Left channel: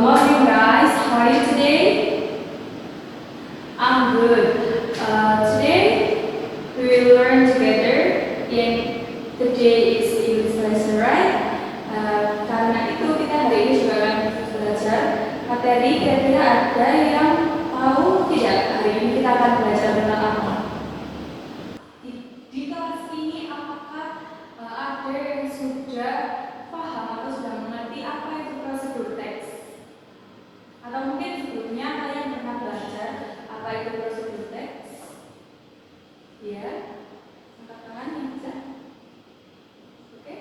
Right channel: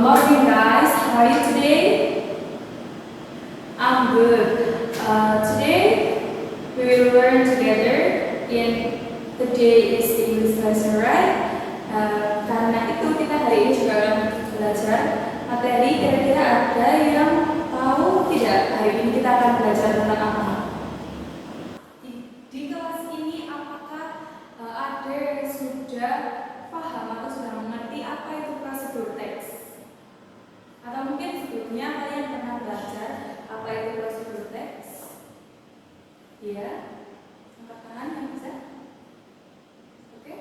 good morning guys. How are you today? I'm good. Today we will learn together in the day is English lesson, right? Karena itu kita hari ini juga akan belajar materi. Kira-kira ada yang tahu tidak hari ini kita akan belajar tentang apa? Di kelas ini apakah ada yang sudah paham atau sudah mengerti apa itu prosedur teks? Atau mungkin sebelumnya kalian pernah belajar apa itu prosedur teks? Iya, angkat tangan yang bisa. Oke?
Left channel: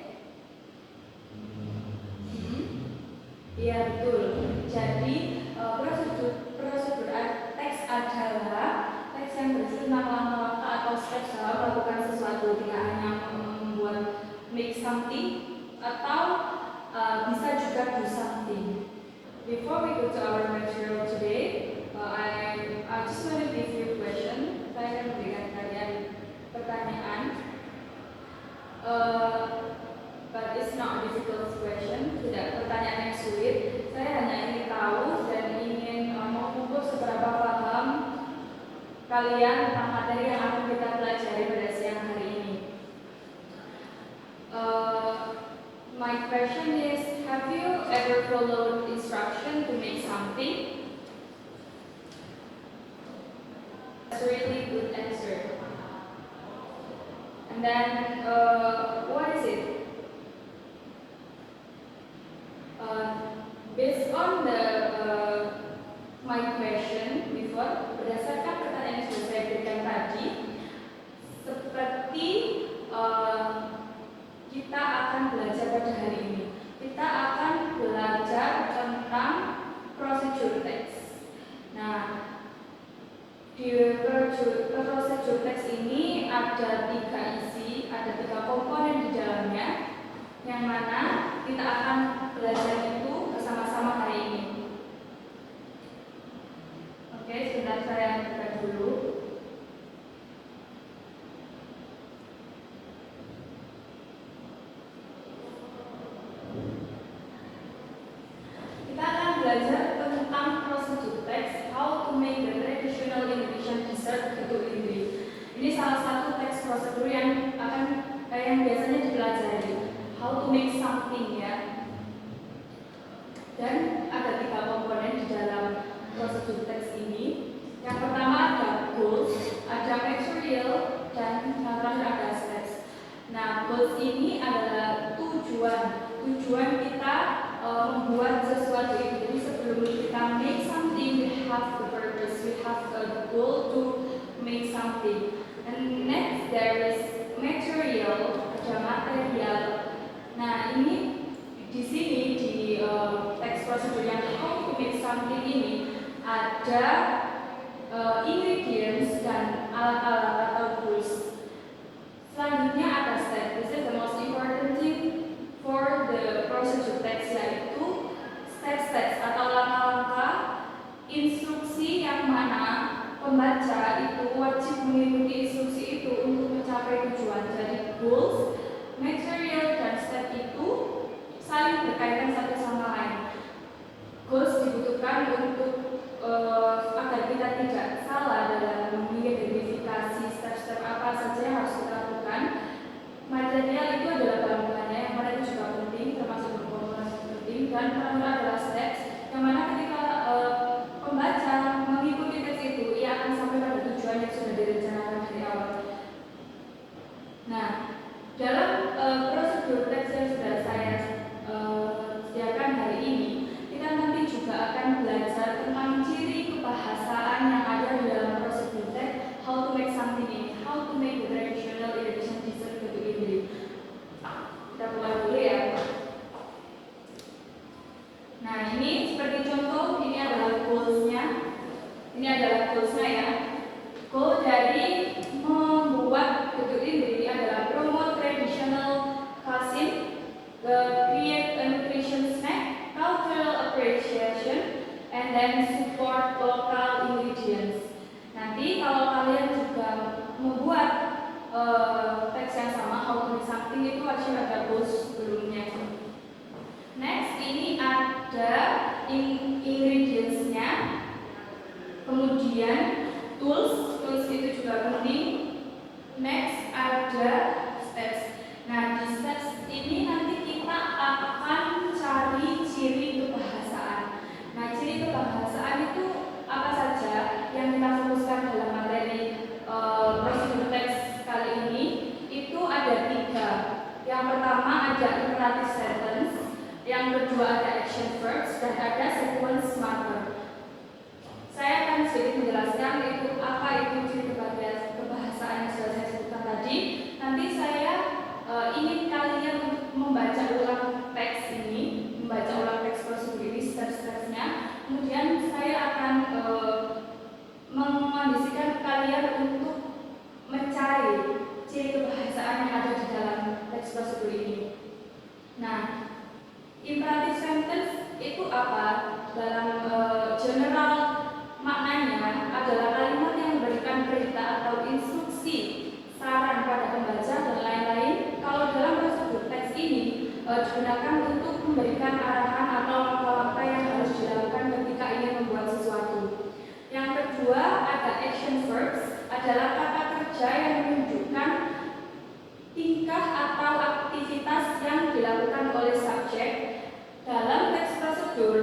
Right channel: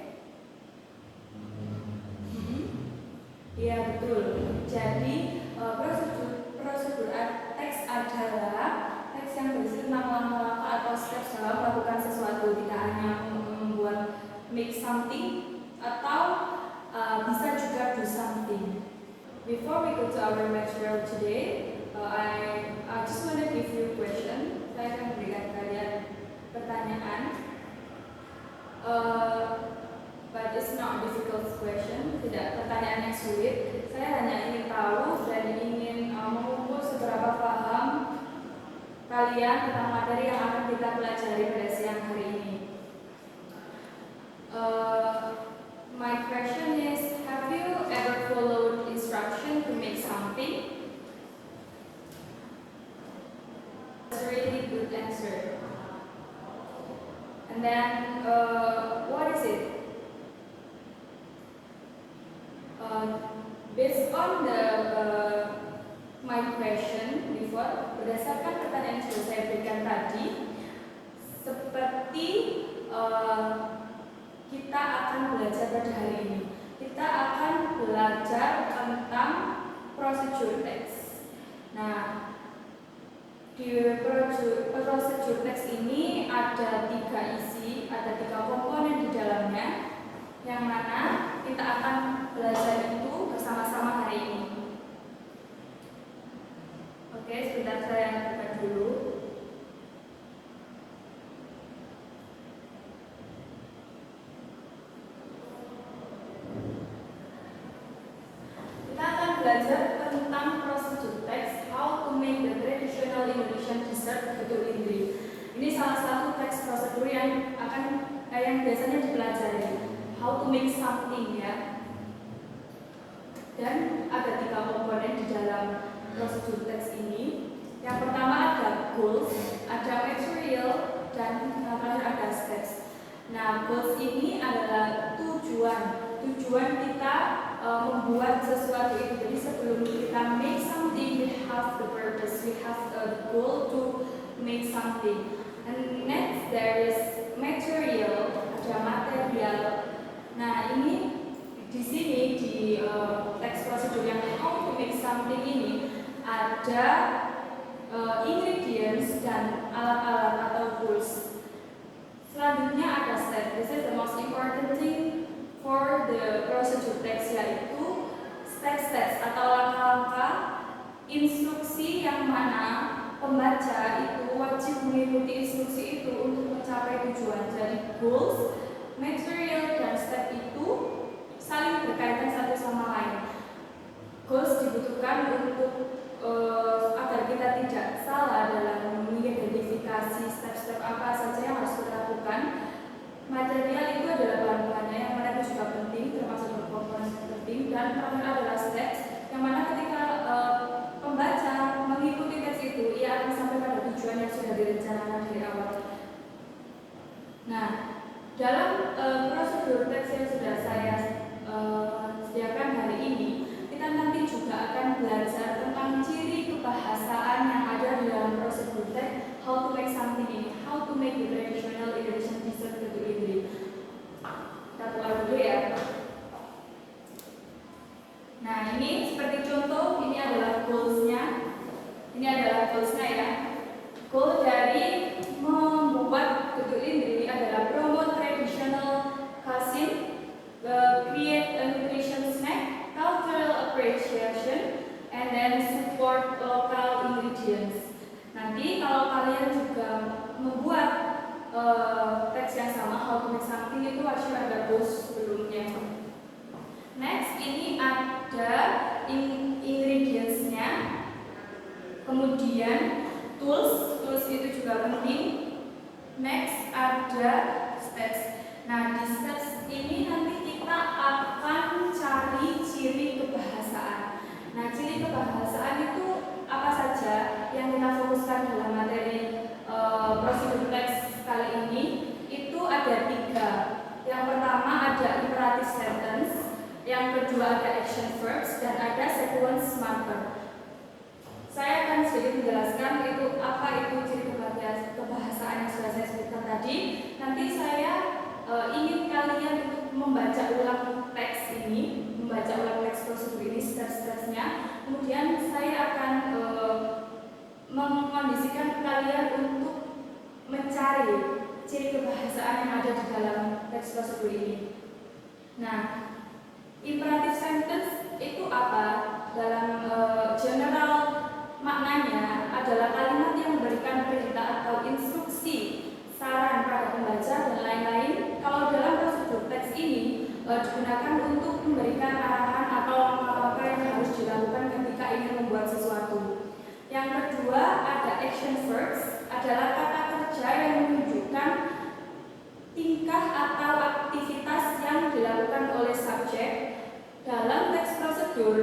Iya betul. Jadi prosedur teks adalah teks yang berisi tentang langkah-langkah atau step dalam melakukan sesuatu, tidak hanya membuat make something atau bisa juga do something. Before we go to our material today, I just want to give you a question. Saya akan memberikan kalian pertanyaan, but it's not a difficult question. Tidak pertanyaan yang sulit. Saya hanya ingin tahu dan ingin mengukur seberapa paham kalian tentang materi yang akan kita pelajari pada siang hari ini. My question is, have you ever followed instruction to make something? That's a really good answer. And then, what is it? Based on the my question before, berdasarkan pertanyaan yang sudah saya berikan tadi, seperti kita akan belajar pada hari ini. Kita akan belajar tentang prosedur teks. Nah, di prosedur teks ini ada 3 isi, ada 3 komponen di dalamnya, yang mana kita akan belajar itu bersama-sama hari ini. Oke, sebentar saya buka dulu. Belajar tentang prosedur teks, how to make the traditional Indonesian dessert getuk lindri. Ini salah satu teks prosedur yang biasanya dipelajari, how to make something ya. Dan ada 3 komponen di dalam prosedur teks ini. Yang pertama ada goals, ada material, dan terakhir ada steps. Nah, goals ini adalah tujuan kita membuat sesuatu itu. Jadi sebelum kita make something, we have the purpose, we have the goal to make something. And next there is material, ada material. Nah ini di sini di teks prosedur yang how to make something ini ada ingredients dan alat-alat atau tools. Selanjutnya ada step. This is the most important thing for the procedure text, yaitu steps atau langkah-langkah instruksi yang mana pembaca itu wajib mengikuti instruksi itu untuk mencapai tujuan. Jadi goals, material, dan step itu saling berkaitan satu sama lain. Goals dibutuhkan untuk agar kita tidak salah dalam mengidentifikasi step-step apa saja yang harus kita lakukan. Material itu adalah bahan-bahannya yang mana itu juga penting, termasuk berkomponen penting. Dan terakhir adalah steps, yang mana ketika pembaca mengikuti teks itu, ia akan sampai pada tujuan yang sudah direncanakan dari awal. Nah, dalam prosedur teks yang sudah saya sediakan hari ini, kita nanti juga akan belajar tentang ciri kebahasaan yang ada di dalam prosedur teks, how to make something ini, how to make the traditional Indonesian dessert getuk lindri. Kita mulai dulu ya. Nah ini seperti contoh, ini adalah goals-nya. Ini adalah goals-nya ya. Goal dari membuat getuk lindri adalah promote traditional cuisine, create a nutrition snack, cultural appreciation, and then support local ingredients. Nanti kalau kalian juga membuat teks yang sama, how to make something, itu wajib ada goals sebelumnya. Next, ini ada Kemudian tools itu juga penting. Next ada steps. Nah, di steps ini nanti kita akan cari ciri kebahasaan. Nah, ciri kebahasaan itu apa saja yang kita fokuskan dalam materi prosedur teks kali ini? Itu ada 3. Yang pertama ada imperative sentence, yang kedua ada action verbs, dan ada sequence marker. Saya akan sedikit menjelaskan itu apa itu ciri kebahasaan yang sudah saya sebutkan tadi. Nanti saya ingin kalian untuk membaca ulang teks ini, membaca ulang teks prosedur ini step-stepsnya. Kemudian saya akan mengondisikan kalian untuk mencari ciri kebahasaan yang ada di dalam teks prosedur ini. Nah, imperative sentence itu apa? Dalam general maknanya adalah kalimat yang memberikan perintah atau instruksi, saran pada pembaca dan lain-lain. Kalau dalam prosedur teks ini digunakan untuk memberikan arahan atau langkah-langkah yang harus dilakukan ketika ingin membuat sesuatu. Yang kedua ada action verbs, adalah kata kerja yang menunjukkan tingkah atau aktivitas yang dilakukan oleh subjek dalam teks prosedur.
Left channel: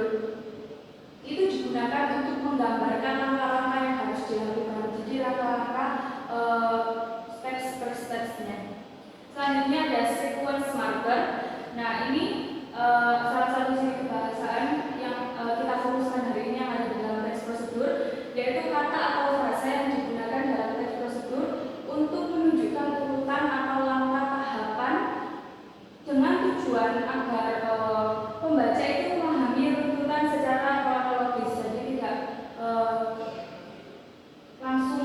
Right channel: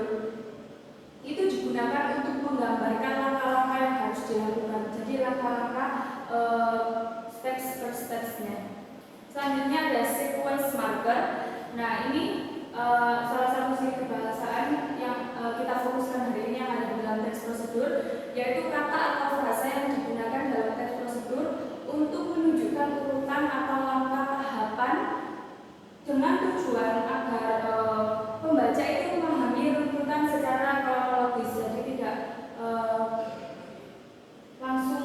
Itu digunakan untuk menggambarkan langkah-langkah yang harus dilakukan. Jadi langkah-langkah steps per stepsnya. Selanjutnya ada sequence marker. Nah, ini salah satu ciri kebahasaan yang kita fokuskan hari ini yang ada di dalam teks prosedur, yaitu kata atau frasa yang digunakan dalam teks prosedur untuk menunjukkan urutan atau langkah tahapan dengan tujuan agar pembaca itu memahami runtutan secara kronologis, jadi tidak langsung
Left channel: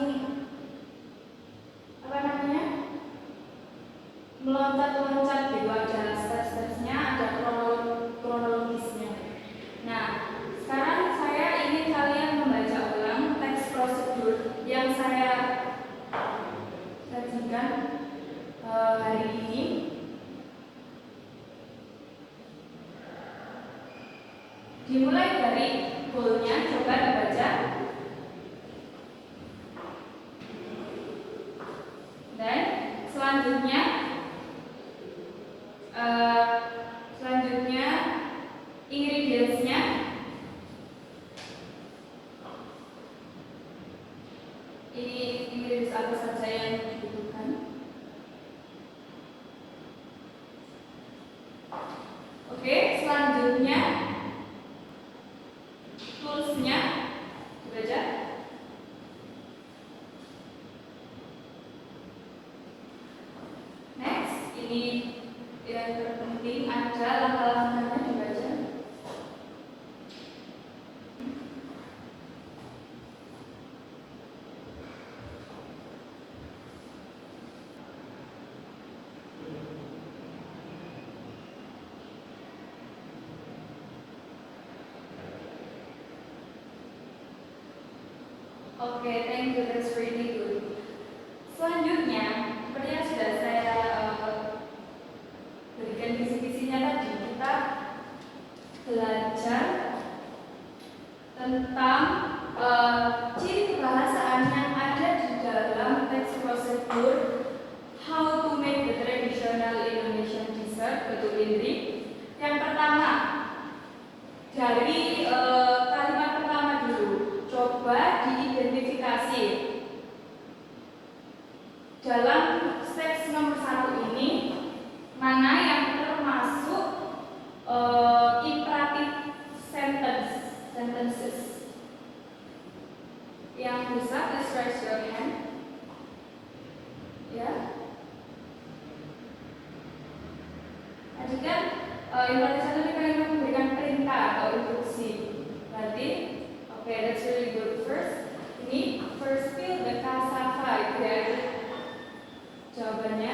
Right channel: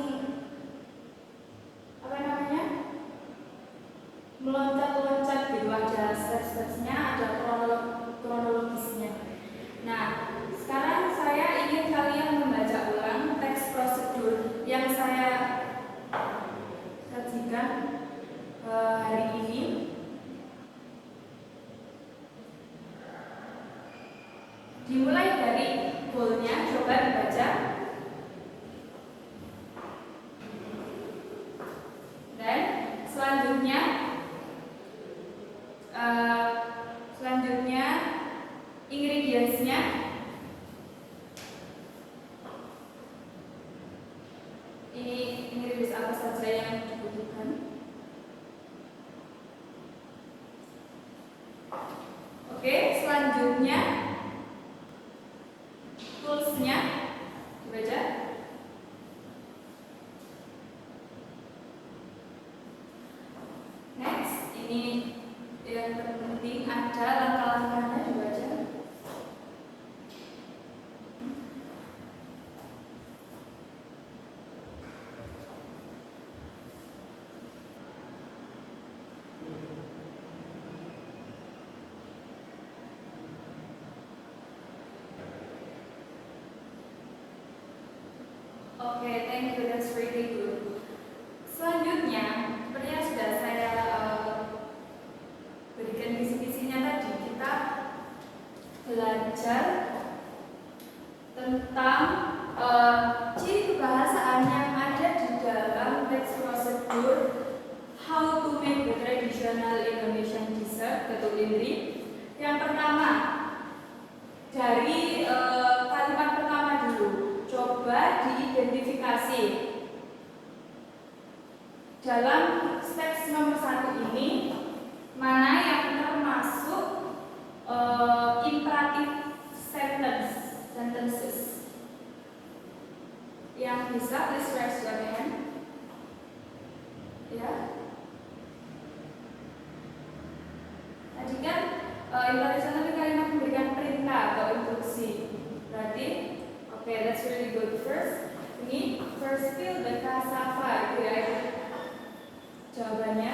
meloncat-loncat gitu, ada step-stepsnya, ada kronologisnya. Nah, sekarang saya ingin kalian membaca ulang teks prosedur yang saya sajikan hari ini. Dimulai dari goalnya, coba dibaca. Dan selanjutnya ingredients-nya. Ini ingredients apa saja yang dibutuhkan. Oke, selanjutnya tools-nya, baca. Next, ini yang terpenting ada langkah-langkahnya, dibaca. Oke, thank you, that's really good. Selanjutnya, seperti yang sudah saya berikan kisi-kisinya tadi, kita belajar tentang ciri kebahasaan yang ada di dalam teks prosedur How to make the traditional Indonesian dessert Getuk Indri. Yang pertama, dari kalimat pertama dulu, coba diidentifikasi. Dalam steps nomor 1 ini, mana yang termasuk imperative sentences? Yang bisa please raise your hand. Ya. Tadi kan imperative sentence kalimat memberikan perintah atau instruksi. Berarti, oke, that's really good. First fill the cassava, ya. Jawabannya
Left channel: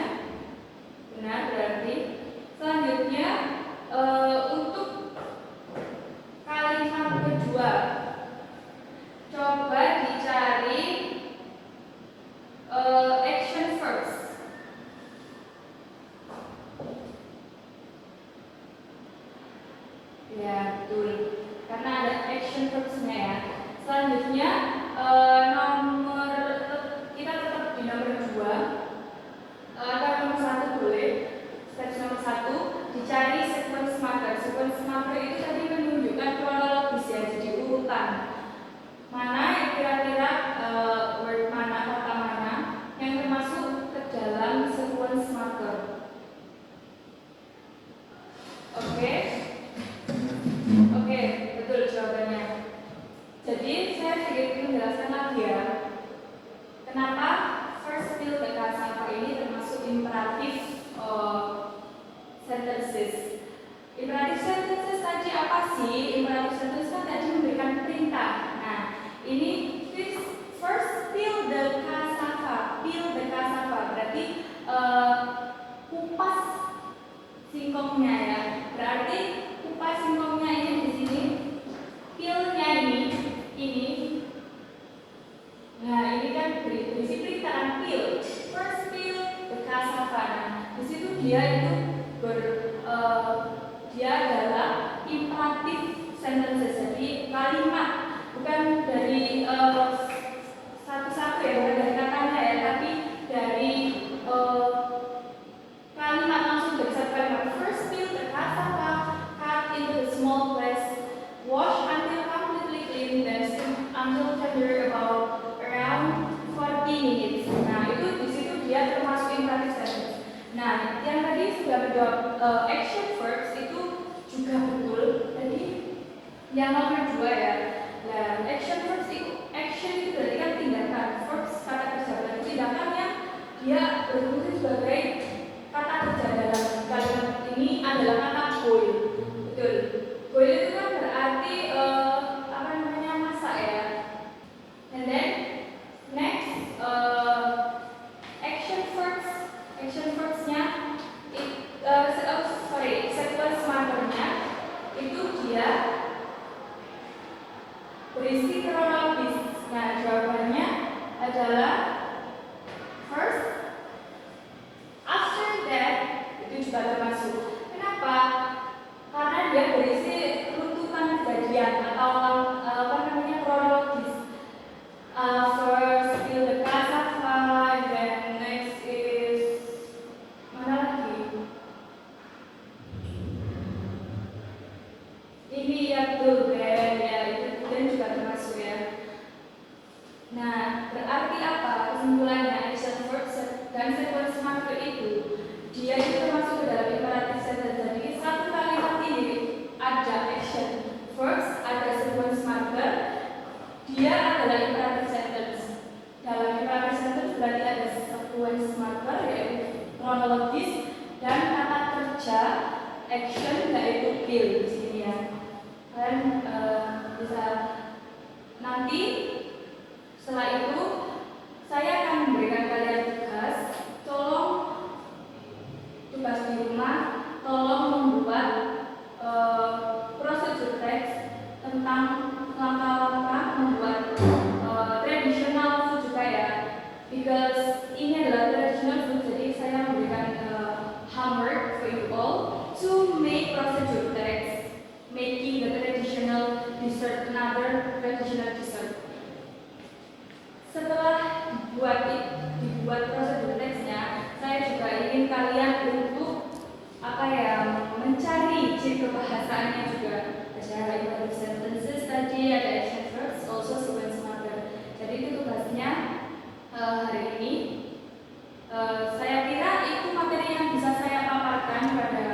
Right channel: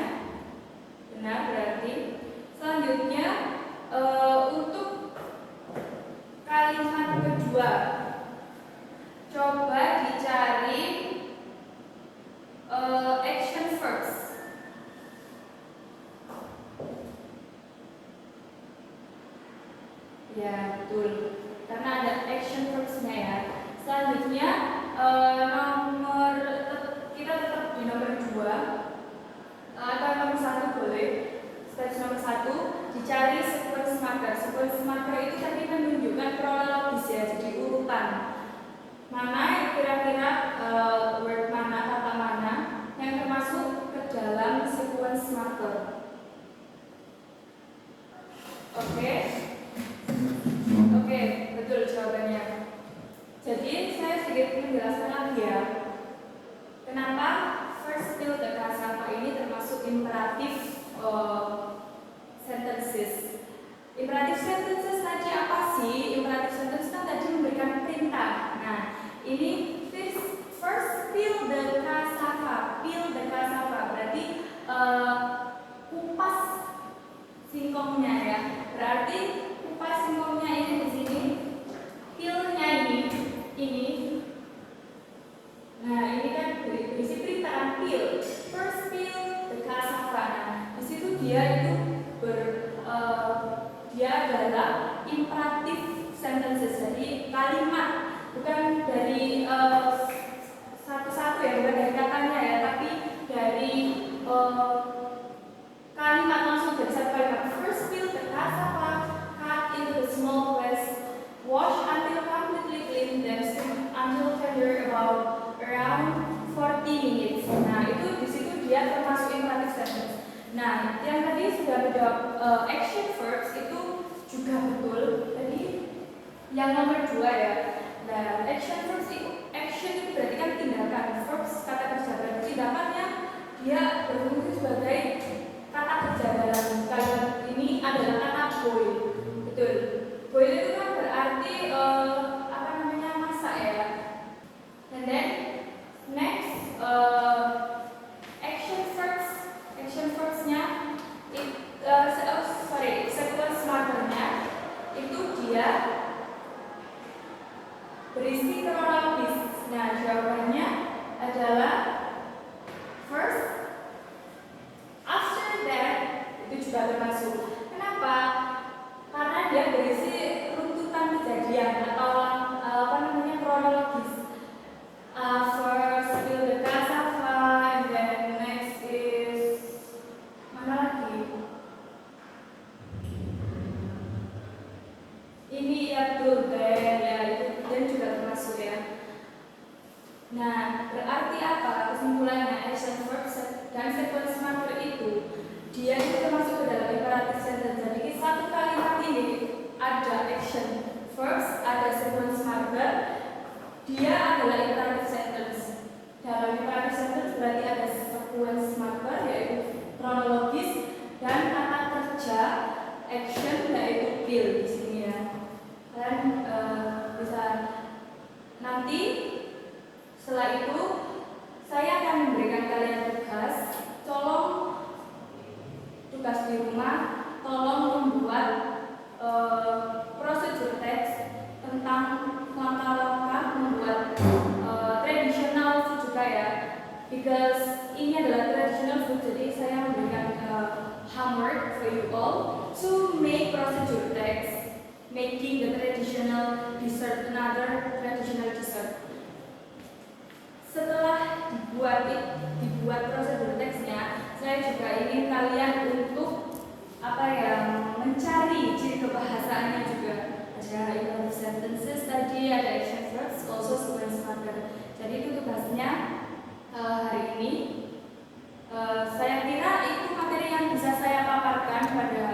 benar berarti. Selanjutnya untuk kalimat kedua, coba dicari action verbs. Ya, betul. Karena ada action verbs-nya ya. Selanjutnya Jadi saya sedikit menjelaskan lagi ya, kenapa first build the cassava ini termasuk imperatif sentences. Imperatif sentences tadi apa sih? Imperatif sentences kan tadi memberikan perintah. Nah, ini first peel the cassava. Peel the cassava berarti kupas singkongnya ya. Berarti kupas singkongnya ini di sini. Peelnya ini. Nah, ini kan berisi perintah kan peel. First peel the cassava. Nah, di situ dia itu dia adalah imperatif sentences, jadi kalimat, bukan dari satu-satu ya, bukan dari katanya ya, tapi dari kalimat langsung dari satu kalimat. First peel the cassava, cut into the small flakes, wash until completely clean, then steam until tender around 40 minutes. Nah, itu di situ dia termasuk imperatif sentence. Nah, yang tadi sudah menjawab action verbs itu juga betul. Tadi yang nomor 2 ya. Nah, action verbs itu berarti kan tindakan. Verbs kata kerja berarti tindakannya dia berfungsi sebagai kata kerja dalam kalimat ini adalah kata boil. Betul. Boil itu kan berarti masak ya. And then next action verbsnya sequence markernya itu dia berisi kronologis. Nah, jawabannya adalah first, after that, itu juga termasuk. Kenapa? Karena dia berisi runtutan kejadian atau kronologis. First peel the cassava, and then next is mana lagi? Ini ya betul ya, itu dan juga termasuk ya. Nah, berarti apa kesimpulannya? Action verbs dan sequence marker itu dia itu termasuk ke dalam imperatif sentence. Jadi satu kalimat ini ada action verbs, ada sequence marker, dia adalah imperatif sentence. Dalam imperatif sentence berarti ada sequence marker yaitu kronologis dan kata kerja action yaitu peel di sini ya. Dan bisa nanti setelah itu saya akan memberikan kalian tugas. Tugas di rumah, tolong membuat prosedur teks tentang langkah-langkah membuat traditional food juga ya. Because ini adalah traditional food, jadi saya memberikan homework for you all to make prosedur text, making the traditional dessert, another traditional dessert. Setelah dibuat prosedur teksnya, saya juga ingin kalian untuk mencari ciri kebahasaannya juga. Ada imperative sentences tadi, ada action verbs, also sequence marker. Jadi itu tugasnya hari ini. Saya kira itu materi yang bisa saya paparkan pada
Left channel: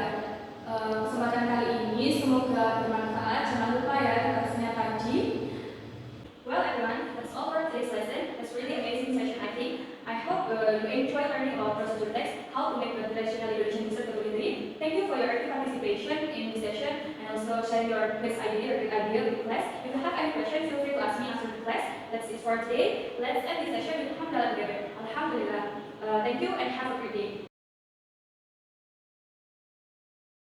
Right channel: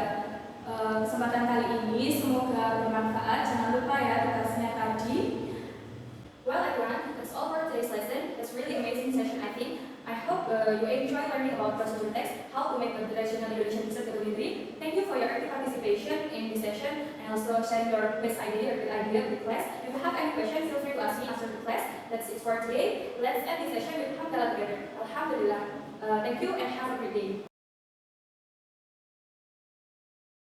kesempatan kali ini. Semoga bermanfaat. Jangan lupa ya tugasnya tadi. Well everyone, that's all for today's lesson. It's really amazing session I think. I hope you enjoy learning about prosedur text, how to make the traditional Eurasian dessert community. Thank you for your active participation in this session and also sharing your best idea or good idea with class. If you have any questions, feel free to ask me after the class. That's it for today. Let's end this session with Alhamdulillah. Thank you and have a great day.